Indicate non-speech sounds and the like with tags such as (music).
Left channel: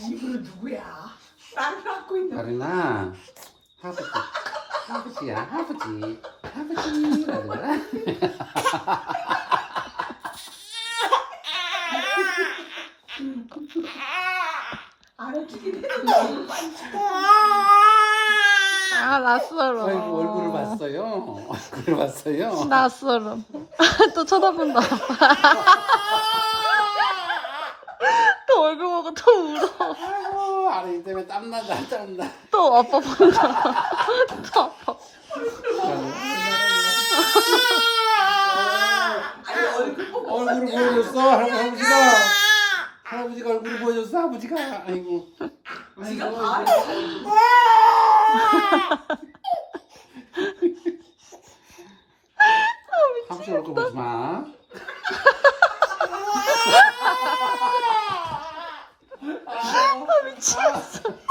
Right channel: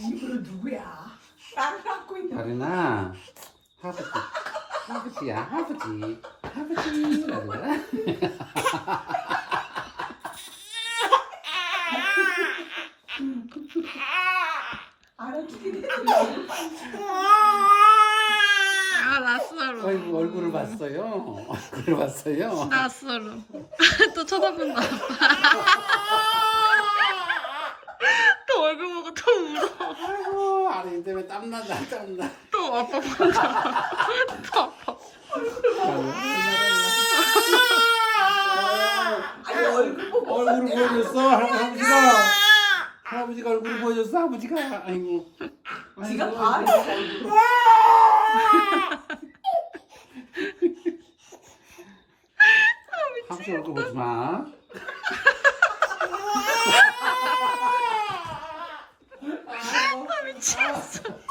이분은 누구야? 나를 안고 있는 다리나 할아버지 할아버지야 할아버지 할아버지 라고라 알아주게 돼. 아 낯설어. 아이고 얼굴을 봤어요 얼굴을 봤어요 낯설어. 또 쳐다본다. 또 얼굴 울어. 아이고 아래 때문에 땀나다 땀나 또 아빠 본다. 또 아빠. 아니 얼굴 보여줬어 할아버지가 할아버지가 얼굴을 보여줬어 아버지가 아이고 아이고 다 아이고. (laughs) 얼굴 보지 마 아미